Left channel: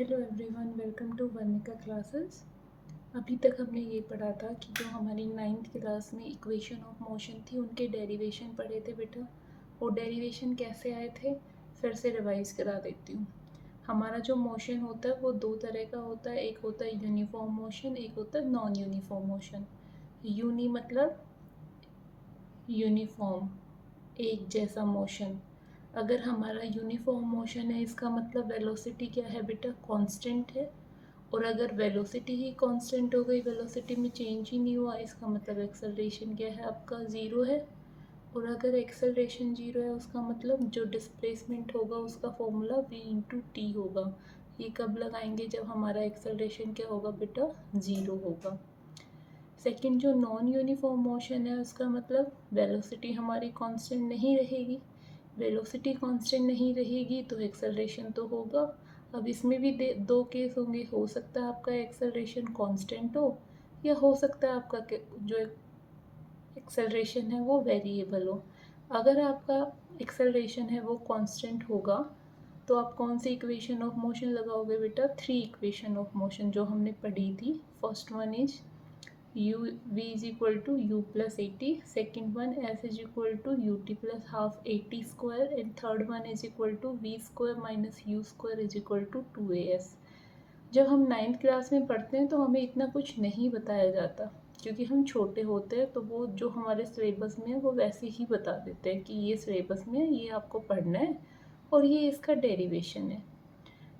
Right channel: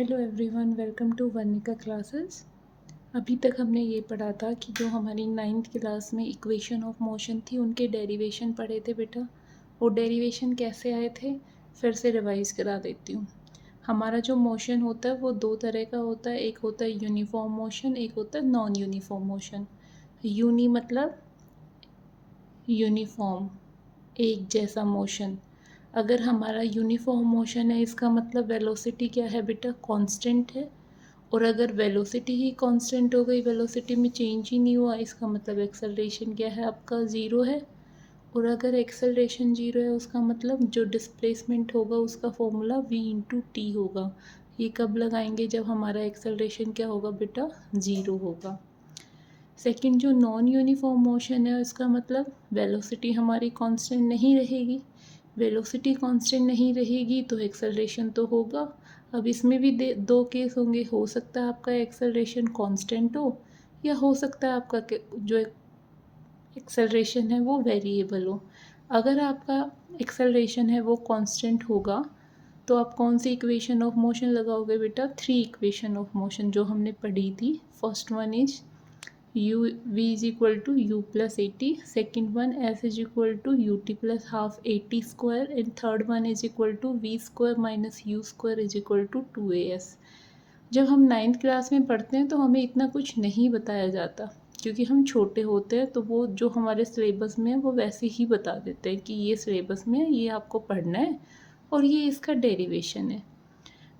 Hello everyone, welcome to Varnika classes. अभी तक हमने ये पढ़ा था कि जो हमारी 9th क्लास में इक्वेशन ऑफ मोशन थी उनके डेरिवेशन पढ़े थे बेटा। वो डेरिवेशन कैसे आए थे फिर से रिवाइज करा देती हूँ। हमारा जो मोशन होता है वो दो तरह का होता है, एक होता है यूनिफॉर्म मोशन, एक होता है नॉन यूनिफॉर्म मोशन। यूनी मतलब यूनिफॉर्म, एक जैसा मोशन। अगर हमारा यूनिफॉर्म मोशन है इसका मतलब वेलोसिटी क्या है बेटा, कांस्टेंट है। और अगर वेलोसिटी ही कांस्टेंट हो गई, वेलोसिटी में चेंज ही नहीं हुआ, इसका मतलब एक्सेलरेशन क्या है आपका, ज़ीरो है। और अगर एक्सेलरेशन ज़ीरो है उसका मतलब जो डिस्प्लेसमेंट होगा उसका फॉर्मूला v/t होगा। ये कब लगाएंगे, जब हमारा एक्सेलरेशन क्या होगा बेटा, ज़ीरो होगा। सेकंड जो नॉन यूनिफॉर्म मोशन है उसका मतलब वेलोसिटी हमारी कांस्टेंट नहीं रहेगी। वेलोसिटी कांस्टेंट नहीं रहेगी तो एक्सेलरेशन तो होगा। अब इसमें भी दो केस होंगे, हो सकता है आपका एक्सेलरेशन कांस्टेंट हो या हो सकता है आपका जो एक्सेलरेशन है वो वेरिएबल हो। अगर आपका एक्सेलरेशन है वो कांस्टेंट होगा तो आप कौन सी इक्वेशन ऑफ मोशन लगाओगे बेटा, थ्री इक्वेशन ऑफ मोशन जो हमने पढ़ी थी। First one is u v is equal to u plus 80, second one s is equal to ut plus half 80 square, and third one is equal to v square minus u square is equal to 2as। जब हम 9th class में पढ़ते हैं तो हमें इतना कुछ नहीं बताया जाता क्योंकि हम छोटे होते हैं, तो वो जो हमारे सिलेबस में है वो वैसे ही बता देते हैं कि ये सिलेबस में है, ये आपको पढ़ना है और ये इसका डेरिवेशन है।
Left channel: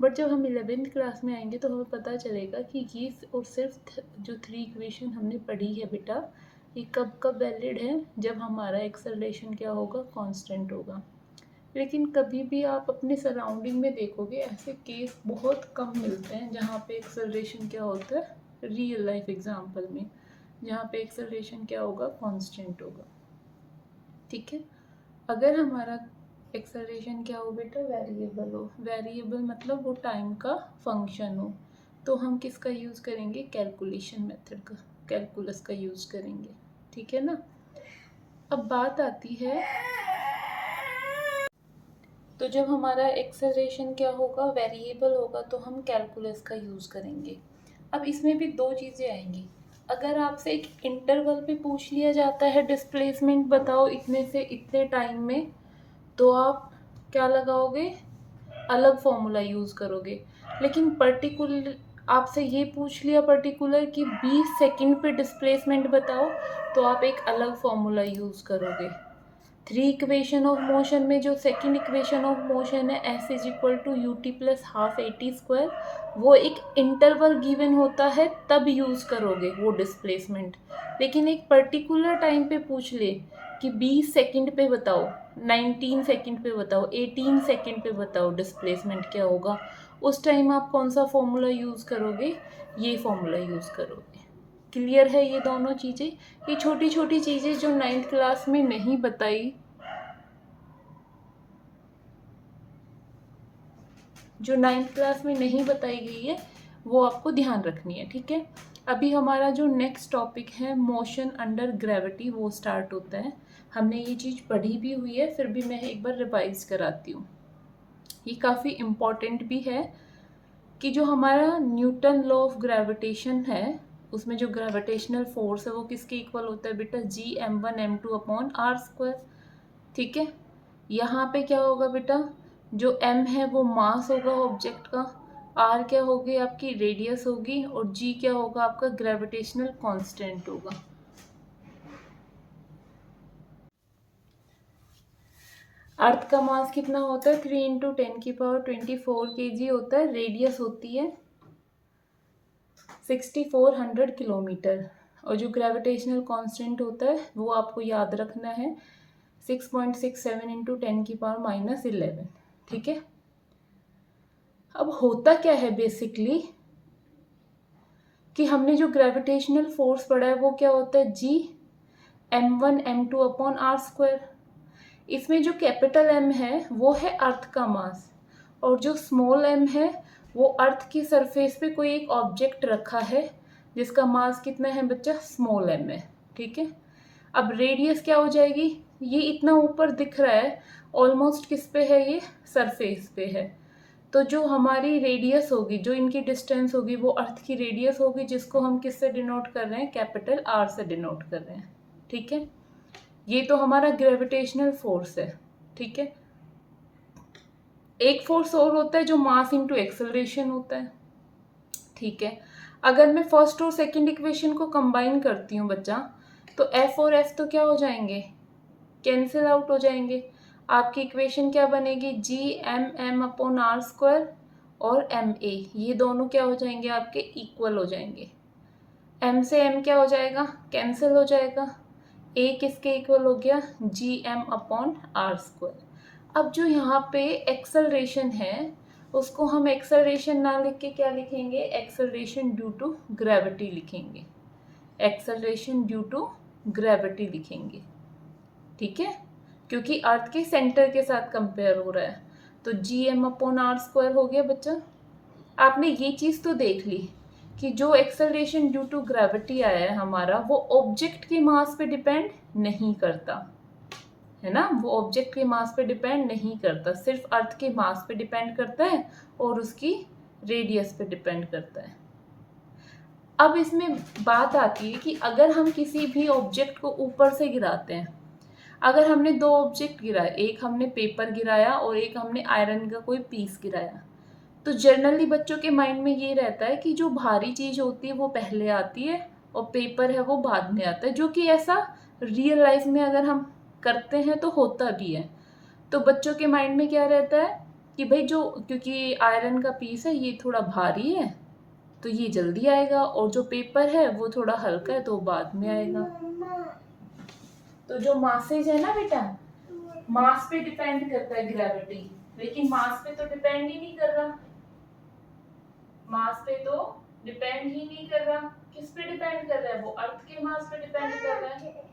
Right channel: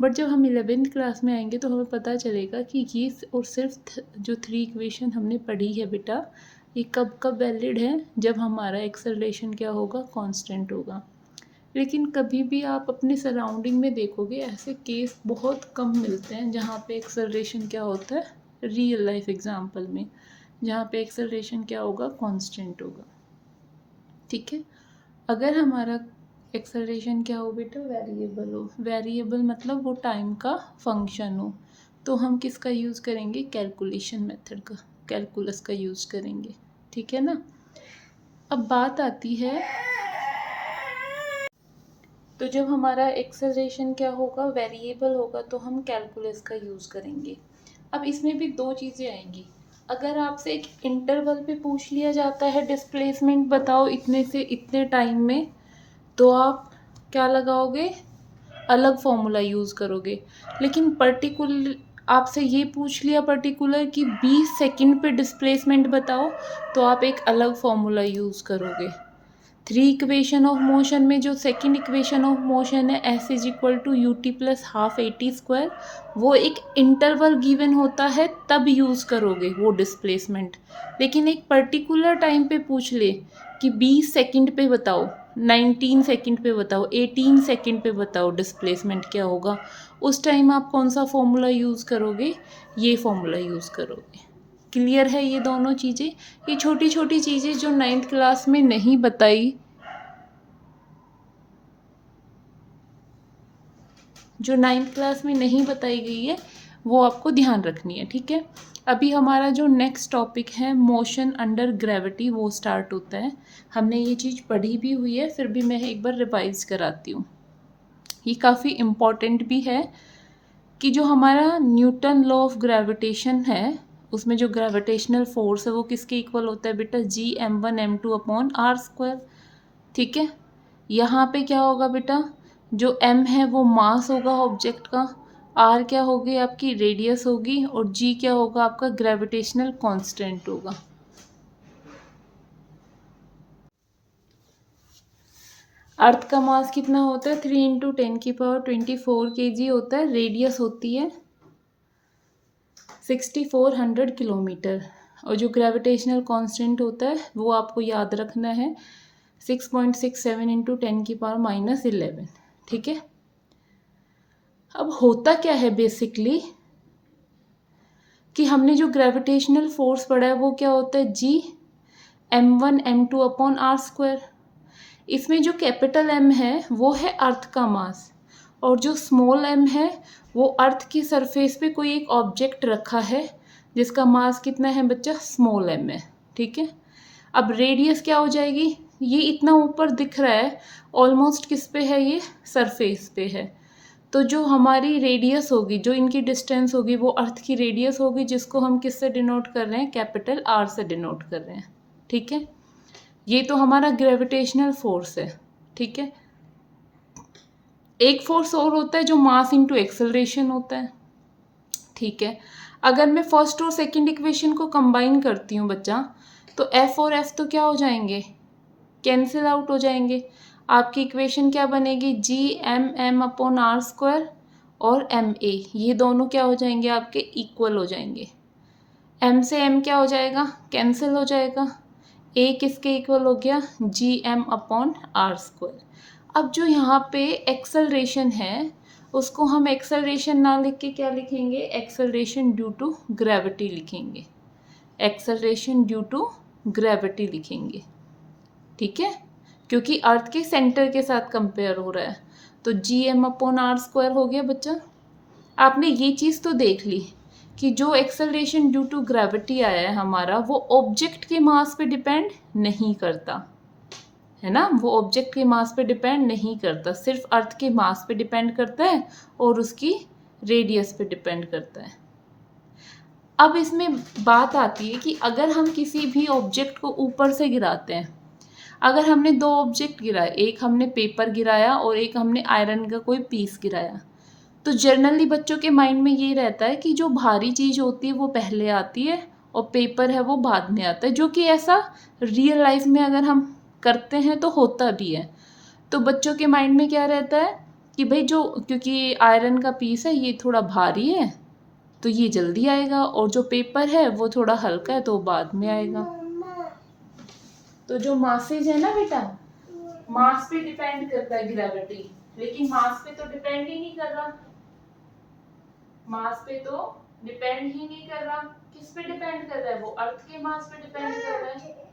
बट जब हम 11th क्लास में आएंगे तो हमें पता चलेगा कि ये और सिर्फ जो थ्री इक्वेशन हमने पढ़ी है बेटा, ये कब कब वैलिड है, जब हमारा एक्सेलरेशन क्या होगा, कांस्टेंट होगा। लेकिन कभी भी आप अपने सराउंडिंग में देखोगे ऐसे केस बहुत कम मिलते हैं जहाँ पे एक्सेलरेशन क्या होता है, रियल लाइफ एग्जाम्पल में, जहाँ पे एक्सेलरेशन क्या होगा, कांस्टेंट होगा। ठीक है। अगर हमारा एक्सेलरेशन क्या हो बेटा, वेरिएबल हो, वेरिएबल मतलब वो टाइम का फंक्शन हो, तो हम किसका यूज़ करेंगे, कैलकुलेशन मेथड का, कैलकुलस का यूज़ करेंगे। ठीक है ना। अब बात आती है, तो जब हमारा एक्सेलरेशन क्या होगा, वेरिएबल होगा, तो हम कैलकुलस का यूज़ करेंगे। अब इसमें भी दो चीज़ें आएंगी। अगर आपसे एक इंटरवल पे पूछ लिया जाता है डिस्प्लेसमेंट बताओ इतने से इतने टाइम में, तो आप क्या लगाओगे, अलग फॉर्मूला यूज़ करोगे। लेकिन पर्टिकुलर आपसे ये पूछ लिया पर्टिकुलर कि 20 सेकंड पे डिस्प्लेसमेंट बताओ, तो आप एक अलग फॉर्मूला यूज़ करोगे। थ्री इक्वेशन ऑफ मोशन में जो सेकंड इक्वेशन ऑफ मोशन है S is equal to U T plus half 80 square, वो एक इंटरवल गिवन होता है तब यूज़ करोगे वो डिस्प्लेसमेंट। लेकिन एक पर्टिकुलर टाइम पे पूछ ले कि 20 सेकंड पे बताओ, 19 सेकंड पे बताओ, 18 सेकंड पे बताओ डिस्प्लेसमेंट क्या होगा, उस टाइम आप कौन सा फॉर्मूला यूज़ करोगे, ये फॉर्मूला यूज़ करोगे। क्लियर है ये दोनों चीज़ें। ये छोटी छोटी चीज़ें जो 9th क्लास में नहीं बताई, जो 9th क्लास में नहीं बताई गई है वो आपको ध्यान रखनी है। ठीक है। अभी हमारा जो नेक्स्ट टॉपिक है मोशन अंडर ग्रेविटी, वो स्टार्ट होता है। हमने ये चीज़ पढ़ी भी हुई है, फिर भी मैं एक बार रिवाइज कराती हूँ। ये काफ़ी इम्पॉर्टेंट भी है कि जो हमारा न्यूटन लॉ ऑफ ग्रेविटेशन है उसमें जो ग्रेविटेशनल फोर्स है वो किसके इक्वल होता है बेटा, G m1m2/r²। ठीक है। यहाँ पे क्या होगा बेटा, जो m है वो मास होगा ऑब्जेक्ट का, r क्या होगी आपकी रेडियस होगी, और g क्या होगा आपका ग्रेविटेशनल कांस्टेंट होगा। अर्थ का मास कितना होता है, 3 × 10⁻24 kg होता है। रेडियस होती है 6400 किलोमीटर, और जो ग्रेविटेशनल कांस्टेंट होता है वो आपको याद रखना है 6.67 × 10⁻11। ठीक है। अब होता क्या है बेसिकली कि हमने जो ग्रेविटेशनल फोर्स पढ़ा है वो क्या होता है, G m1m2/r²। इसमें जो कैपिटल M है वो है अर्थ का मास, और जो स्मॉल m है वो अर्थ की सरफेस पे कोई एक ऑब्जेक्ट रखा है जिसका मास कितना है बच्चा, स्मॉल m है। ठीक है। अब रेडियस क्या हो जाएगी, ये इतना ऊपर दिख रहा है ऑलमोस्ट किस पे है, ये सरफेस पे है, तो जो हमारी रेडियस होगी, जो इनकी डिस्टेंस होगी, वो अर्थ की रेडियस होगी, जिसको हम किससे डिनोट कर रहे हैं, कैपिटल आर से डिनोट कर रहे हैं। ठीक है, ये तो हमारा ग्रेविटेशनल फोर्स है। ठीक है, एक फोर्स और होता है जो मास इंटू एक्सेलरेशन होता है। ठीक है, अगर मैं फर्स्ट और सेकंड इक्वेशन को कंबाइन करती हूँ बच्चा, तो एफ और एफ तो क्या हो जाएंगे, कैंसिल आउट हो जाएंगे। आपकी इक्वेशन क्या बनेगी, G M M upon R square और एम ए, ये दोनों क्या हो जाएंगे, आपके इक्वल हो जाएंगे। एम से एम क्या हो जाएगा, कैंसिल हो जाएगा। ए किसके इक्वल हो गया, G M upon R square. अब जो यहाँ पे एक्सेलरेशन है, उसको हम एक्सेलरेशन ना लिख के क्या लिखेंगे, एक्सेलरेशन ड्यू टू ग्रेविटी लिखेंगे। एक्सेलरेशन ड्यू टू ग्रेविटी लिखेंगे। ठीक है, क्योंकि अर्थ के सेंटर के साथ कंपेयर हो रहा है। तो G M upon R square हो गया बच्चा। आपने ये चीज़ तो देख ली कि जो एक्सेलरेशन ड्यू टू ग्रेविटी आया है हमारा, वो ऑब्जेक्ट के मास पे डिपेंड नहीं करता है ना, वो ऑब्जेक्ट के मास पे डिपेंड नहीं करता, सिर्फ अर्थ के मास पे डिपेंड करता है और उसकी रेडियस पे डिपेंड करता है। अब इसमें बात आती है कि अगर हम किसी भी ऑब्जेक्ट को ऊपर से गिराते हैं, अगर हमने दो ऑब्जेक्ट गिराए, एक हमने पेपर गिराया और एक हमने आयरन का कोई पीस गिराया, तो जनरली बच्चों के माइंड में ये रहता है कि जो भारी चीज़ होती है वो पहले आती है और पेपर है वो बाद में आता है, जो कि ऐसा रियल लाइफ में अगर हम करते हैं तो होता भी है। तो बच्चों के माइंड में क्या रहता है कि भाई जो, क्योंकि आयरन का पीस है ये थोड़ा भारी है तो ये जल्दी आएगा, और जो पेपर है वो थोड़ा हल्का है तो वो बाद में आएगा। तो जो मासेज है ना बेटा, मास पे डिपेंड करता है ग्रेविटी, लेकिन मास पे तो डिपेंड ही नहीं कर रहा, मास पे तो डिपेंड ही नहीं कर रहा। किस पे डिपेंड कर रहा है, वो अर्थ के मास पे डिपेंड कर रहा है।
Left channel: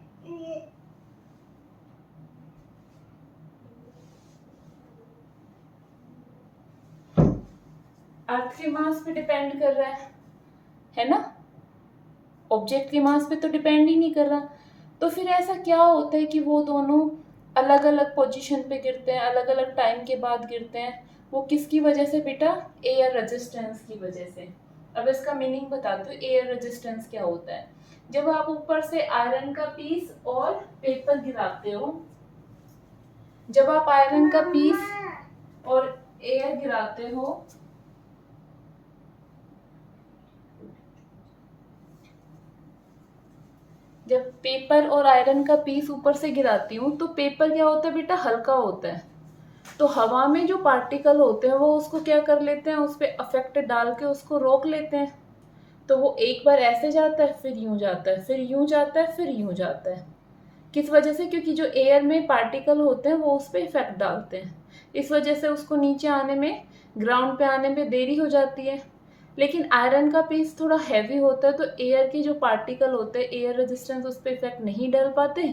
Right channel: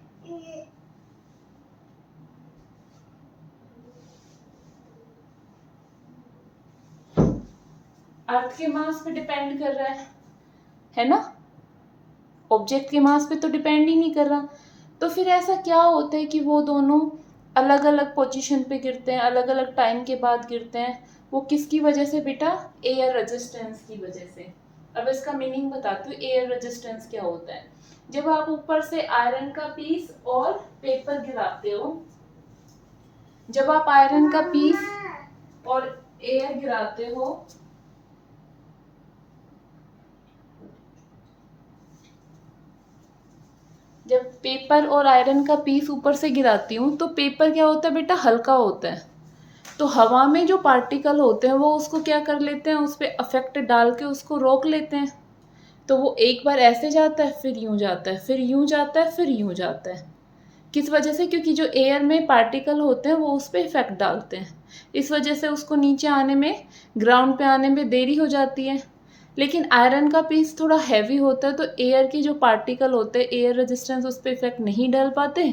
अर्थ के मास पे डिपेंड कर रहा है ना, ऑब्जेक्ट के मास पे तो डिपेंड ही नहीं कर रहा। तो फिर ऐसा क्या होता है कि वो दोनों अलग अलग पोजीशन पे गिरते हैं, अलग अलग टाइम के बाद गिरते हैं, वो किसकी वजह से बेटा, एयर रेजिस्टेंस की वजह से। अब इसका मीनिंग बताती हूँ, एयर रेजिस्टेंस क्या होता है। जब आप ऊपर से आयरन का पीस और पेपर गिराते हो, जब आप आयरन का पीस और एयर गिराते हो, जब पेपर और आयरन का पीस ऊपर से गिराती हूँ तो पेपर क्या होता है बेटा, हल्का होता है। तो हवा में जो पार्टिकल होते हैं वो उसको क्या कर लेते हैं, उस पर अफेक्ट डाल के उसको रोक लेते हैं। तो वो एक बार ऐसे जाता है, फिर यूं जाता है, फिर यूं जाता है, फिर यूं जाता है। किस वजह से, क्योंकि जो एयर में पार्टिकल होते हैं वो उस पर इफेक्ट डालते हैं, इस वजह से उसको नीचे आने में, ग्राउंड पे आने में देरी हो जाती है। लेकिन आयरन का पीस थोड़ा हैवी होता है, तो एयर के जो पार्टिकल होते हैं, एयर रेजिस्टेंस उस पर इफेक्ट नहीं डाल पाते,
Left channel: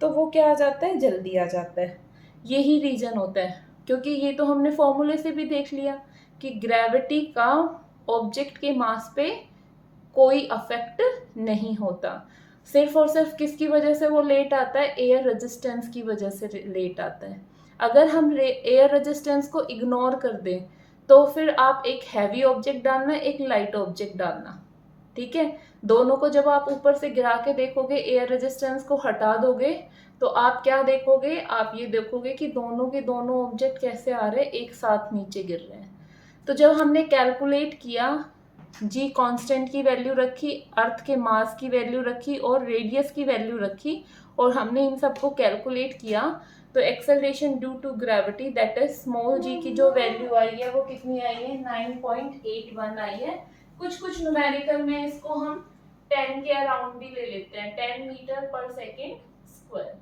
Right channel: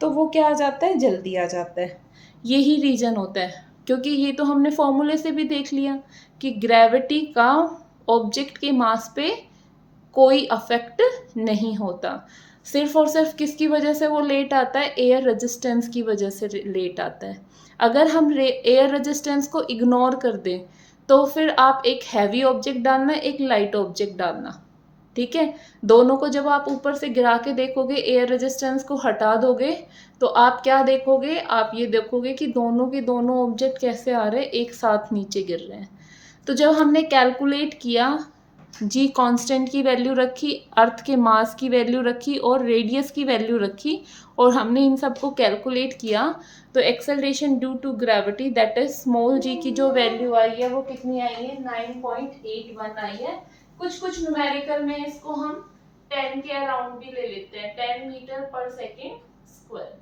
तो वो क्या आ जाता है, जल्दी आ जाता है। यही रीज़न होता है, क्योंकि ये तो हमने फॉर्मूले से भी देख लिया कि ग्रेविटी का ऑब्जेक्ट के मास पे कोई अफेक्ट नहीं होता। सिर्फ और सिर्फ किसकी वजह से वो लेट आता है, एयर रेजिस्टेंस की वजह से लेट आता है। अगर हम एयर रेजिस्टेंस को इग्नोर कर दें तो फिर आप एक हैवी ऑब्जेक्ट डालना, एक लाइट ऑब्जेक्ट डालना। ठीक है, दोनों को जब आप ऊपर से गिरा के देखोगे, एयर रेजिस्टेंस को हटा दोगे, तो आप क्या देखोगे, आप ये देखोगे कि दोनों के दोनों ऑब्जेक्ट कैसे आ रहे हैं, एक साथ नीचे गिर रहे हैं। तो जब हमने कैलकुलेट किया, जी कांस्टेंट की वैल्यू रखी, अर्थ के मास की वैल्यू रखी और रेडियस की वैल्यू रखी, और हमने इन सबको कैलकुलेट किया, तो acceleration due to gravity that is small g की जो वैल्यू आई है वो कितनी आई है, 9.81 आई है। कुछ कुछ न्यूमेरिकल में इसको हम 10 के अराउंड भी ले लेते हैं, 10 मीटर पर सेकेंड स्क्वायर।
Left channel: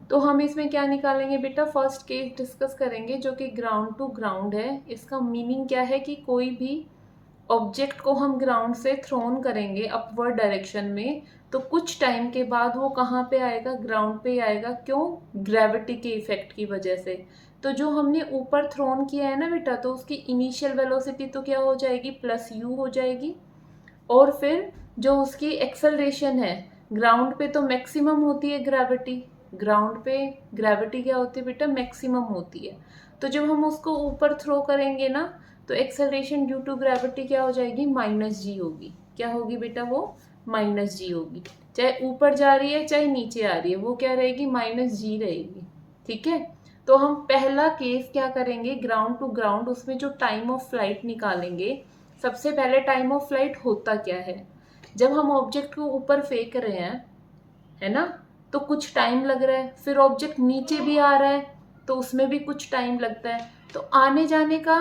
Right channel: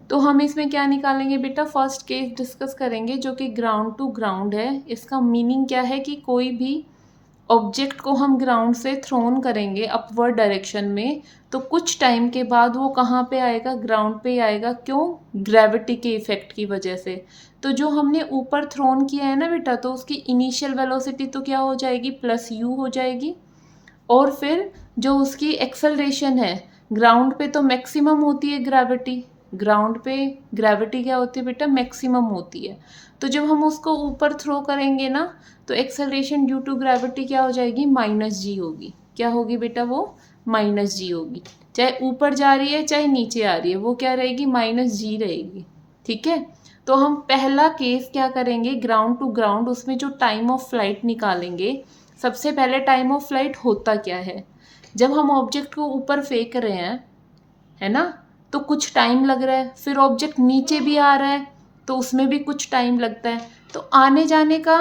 तो हम इसमें क्या निकालेंगे बेटा, फर्स्ट केस डिस्कस करेंगे जो कि ग्राउंड टू ग्राउंड है। इसका मीनिंग क्या है कि कोई भी ऑब्जेक्ट को हम ग्राउंड से थ्रोन करेंगे अपवर्ड डायरेक्शन में, तो कुछ टाइम के बाद वो कहाँ पे आएगा, ग्राउंड पे आएगा। क्यों? ग्रेविटी के इफेक्ट की वजह से। तो जो हमने ऊपर थ्रोन किया है ना बेटा, तो उसकी इनिशियल वेलोसिटी तो क्या हो जाएगी, प्लस यू हो जाएगी। और फिर जो उसकी एक्सेलरेशन है, ग्राउंड पे तो मैक्सिमम होती है ग्रेविटी, ग्राउंड पे ग्रेविटी क्या होती है बेटा, मैक्सिमम होती है। तो जब हम उसको ऊपर थ्रो करेंगे ना, तो एक्सेलरेशन ड्यू टू ग्रेविटी क्या हो जाएगी, माइनस जी होगी। क्या होगी बेटा, वो माइनस जी होगी। चाहे ऊपर जा रही है चाहे नीचे आ रही है, वो क्या रहेगी, माइनस जी रहेगी। ठीक है। तो हम पहला केस क्या करेंगे, ग्राउंड टू ग्राउंड, उसमें जो टाइम ऑफ फ्लाइट निकालेंगे। सबसे पहले टाइम ऑफ फ्लाइट होता क्या है, जब हम ऑब्जेक्ट को ऊपर फेंक रहे हैं, है ना, तो कुछ टाइम लग रहा है। फिर ऑब्जेक्ट नीचे भी आ रहा है तो उसमें भी कुछ टाइम लगता है। तो आने जाने का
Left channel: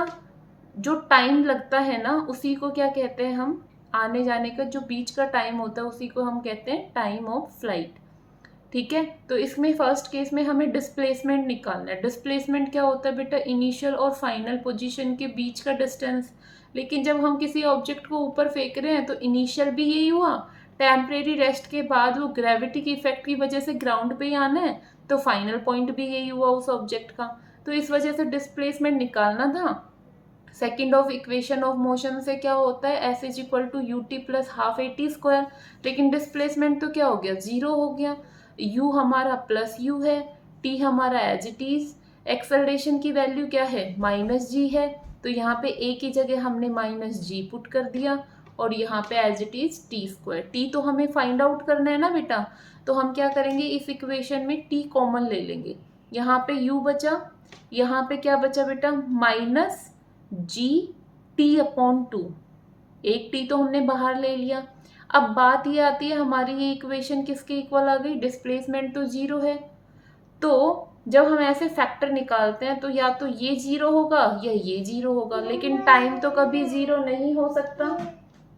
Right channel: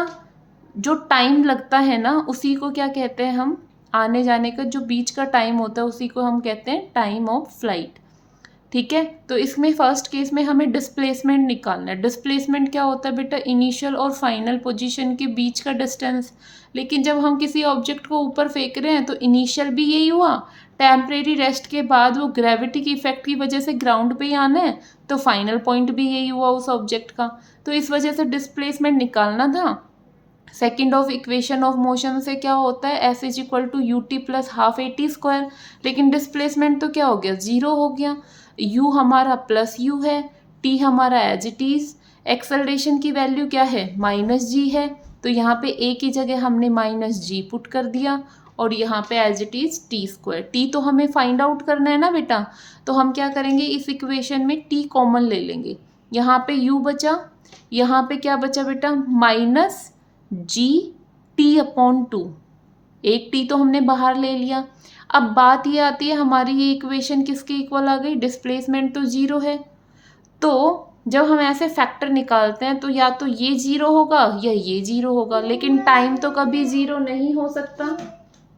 जो टाइम लगता है ना, उसी को क्या कहते हैं हम, आने जाने का जो बीच का टाइम होता है उसी को हम कहते हैं टाइम ऑफ फ्लाइट। ठीक है। तो इसमें फर्स्ट केस में हमें डिस्प्लेसमेंट निकालना है। डिस्प्लेसमेंट क्या होता है बेटा, इनिशियल और फाइनल पोजीशन के बीच का डिस्टेंस। लेकिन जब हम किसी ऑब्जेक्ट को ऊपर फेंक रहे हैं तो इनिशियल भी यही हुआ, टेम्परेरी रेस्ट के बाद वो ग्रेविटी की इफेक्ट की वजह से ग्राउंड पे ही आना है, तो फाइनल पॉइंट भी यही हुआ उस ऑब्जेक्ट का। तो इस वजह से डिस्प्लेसमेंट निकालना था। Second of equation of motion से क्या होता है, F is equal to U T plus half A T square. लेकिन डिस्प्लेसमेंट तो क्या हो गया, जीरो हो गया। यू हमारा प्लस यू है, टी हमारा एज इट इज। एक्सेलरेशन की वैल्यू क्या है, माइनस जी है। तो यहाँ पे ए की जगह हमने माइनस जी पुट कर दिया, और यहाँ पे as it is T square. T तो हमें फाइंड आउट करना है ना बेटा, तो हम क्या करेंगे, इस इक्वेशन में टी कॉमन ले लेंगे। यहाँ पे यू बचा, यहाँ पे क्या बचा बेटा, minus G T upon two. एक टी तो हमने बाहर ले लिया। अब बात ये आती है, हमारी ये इक्वेशन किसके इक्वल आ गई, डिस्प्लेसमेंट तो जीरो है। तो जब हम ऐसे फैक्टर निकालते हैं तो या तो ये जीरो होगा या ये जीरो होगा, लेकिन टाइम तो कभी जीरो नहीं हो सकता,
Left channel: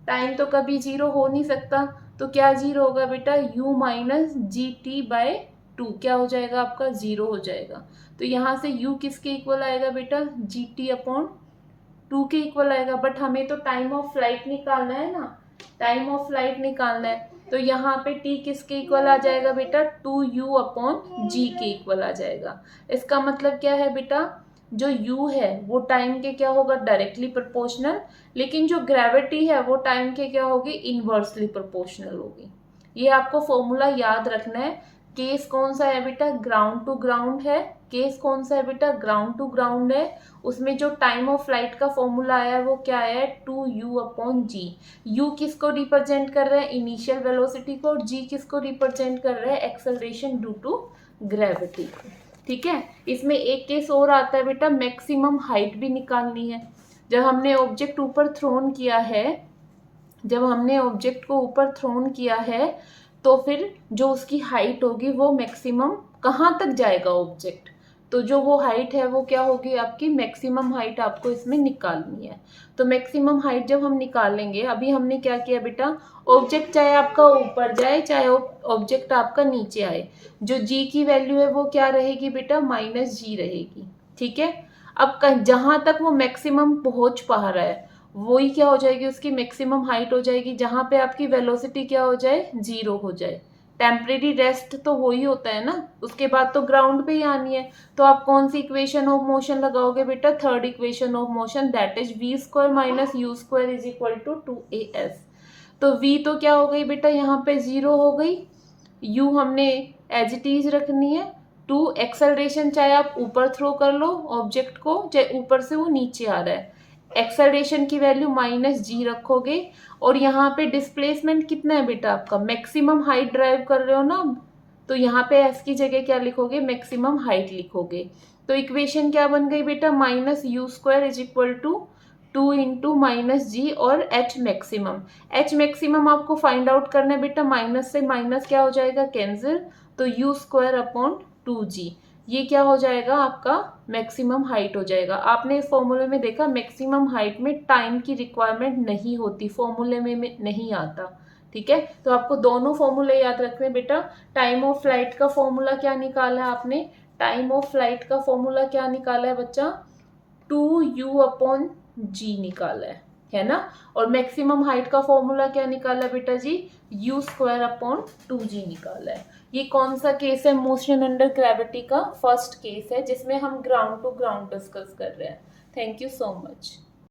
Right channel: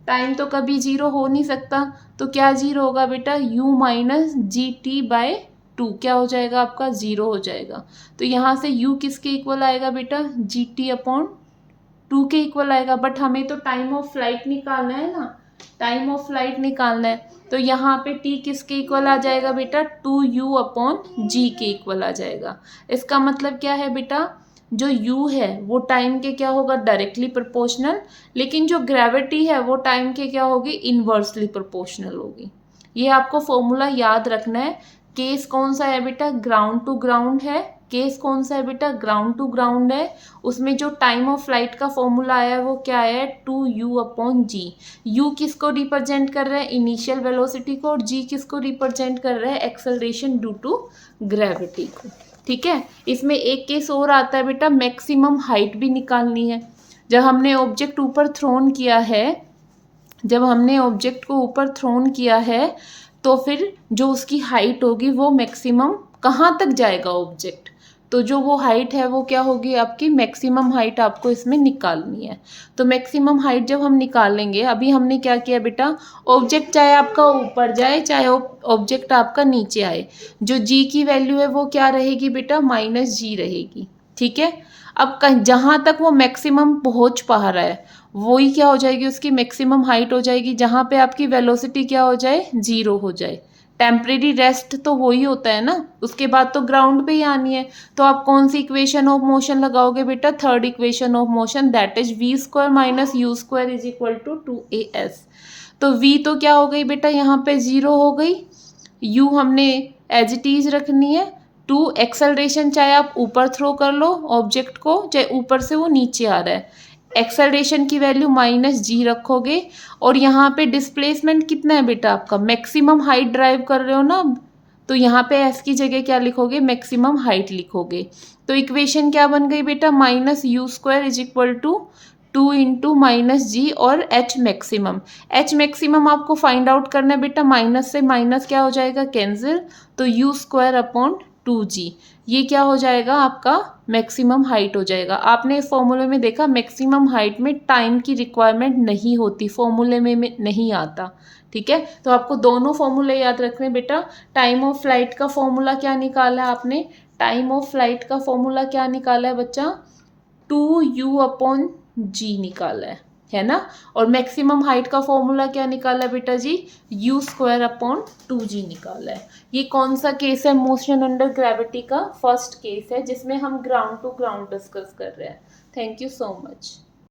टाइम तो कभी जीरो हो नहीं सकता। तो क्या जीरो होगा बेटा, u minus G T by two क्या हो जाएगा आपका, जीरो हो जाएगा। तो यहाँ से u किसके इक्वल आएगा बेटा, जी टी अपॉन टू के इक्वल आएगा। बट हमें तो टाइम ऑफ फ्लाइट निकालना है ना, टाइम ऑफ फ्लाइट निकालना है। तो यहाँ पे t किसके इक्वल आ जाएगा बेटा, टू यू अपॉन जी के इक्वल आ जाएगा। इसका मतलब क्या है बेटा, जो u है वो टाइम के क्या होगा, डायरेक्टली प्रोपोर्शनल। लेकिन जो ग्रेविटी है वो टाइम के क्या होगी, इनवर्सली प्रोपोर्शनल होगी। ये आपको फॉर्मूला याद रखना है। केस कौन सा है बेटा, ग्राउंड टू ग्राउंड है। केस कौन सा है बेटा, ग्राउंड टू ग्राउंड है। उसमें जो टाइम ऑफ फ्लाइट का फॉर्मूला आया है वो क्या है, two U upon G. U किसको रिप्रेजेंट कर रहा है, इनिशियल वेलोसिटी को, और जी किसको रिप्रेजेंट कर रहा है, एक्सेलरेशन ड्यू टू ग्रेविटी को। ठीक है। इसमें एक केस और आता है बेटा, मैक्सिमम हाइट भी निकालनी है। जब हमने ऑब्जेक्ट ऊपर थ्रोन किया है, जब हमने ऑब्जेक्ट को ऊपर थ्रोन किया है, तो फिर जो उसकी हाइट होगी वो मैक्सिमम कहाँ तक जाएगा ऑब्जेक्ट, तो जो वो हाइट है वो क्या होगी आपकी, मैक्सिमम हाइट आपको इसमें निकालनी है। तो मैक्सिमम हाइट जब हम निकालेंगे, अभी हमने क्या किया बेटा, ऑब्जेक्ट चाहे आपका ऊपर जाए चाहे ऑब्जेक्ट आपका नीचे आए, जो जी की वैल्यू है वो क्या रहेगी बेटा, माइनस जी रहेगी। ठीक है। अब जहाँ तक वो मैक्सिमम पहुँच पा रहा है वही क्या हो जाएगी, उसकी मैक्सिमम हाइट हो जाएगी, जहाँ पे आपकी वेलोसिटी क्या हो जाए, जीरो हो जाए। टेम्परेरी रेस्ट तो वही होता है ना, उसके बाद तो ग्राउंड पे ही आनी है। तो आप कौन सी इक्वेशन ऑफ मोशन लगाओगे बेटा, third equation of motion, that is V square minus you square is equal to two A S. तो v तो क्या हो गई बेटा, यहाँ पे जीरो हो गई, u हमने एज इट इज रखनी है। टू एक्सेलरेशन, चाहे आप ऊपर थ्रो कर लो ऑब्जेक्ट को, चाहे ऊपर से वो नीचे आ रहा है, एक्सेलरेशन की वैल्यू माइनस जी रखोगे। और यहाँ पे डिस्प्लेसमेंट कितना है बेटा आपका, मैक्सिमम हाइट ड्राइव कर रहे हो ना, तो यहाँ पे एफ की जगह क्या लिखोगे, मैक्सिमम हाइट लिखोगे। तो इक्वेशन क्या बन गई बेटा, minus you square is equal to 2 into minus g और एच मैक्सिमम। एच मैक्सिमम आपको फाइंड आउट करना है बेटा, माइनस से माइनस क्या हो जाएगा, कैंसिल, तो यू स्क्वायर अपॉन 2g, ये क्या हो जाएगा आपका मैक्सिमम हाइट हो जाएगा। आपने इस फॉर्मूले में देखा मैक्सिमम हाइट में टाइम की रिक्वायरमेंट नहीं होती, फॉर्मूले में नहीं आता, ठीक है। तो आपको दोनों फॉर्मूले याद रखने बेटा। टाइम ऑफ फ्लाइट का फॉर्मूला क्या निकाला है आपने, टाइम ऑफ फ्लाइट का फॉर्मूला क्या निकाला है बच्चा, 2u अपॉन जी निकाला है ना। और मैक्सिमम हाइट का फॉर्मूला क्या निकाला है बेटा जी, यू स्क्वायर अपॉन 2g निकाला है। ये कौन सा केस है, मोशन अंडर ग्रेविटी का फर्स्ट केस है, जिसमें हम ग्राउंड टू ग्राउंड डिस्कस कर रहे हैं। Thank you so much.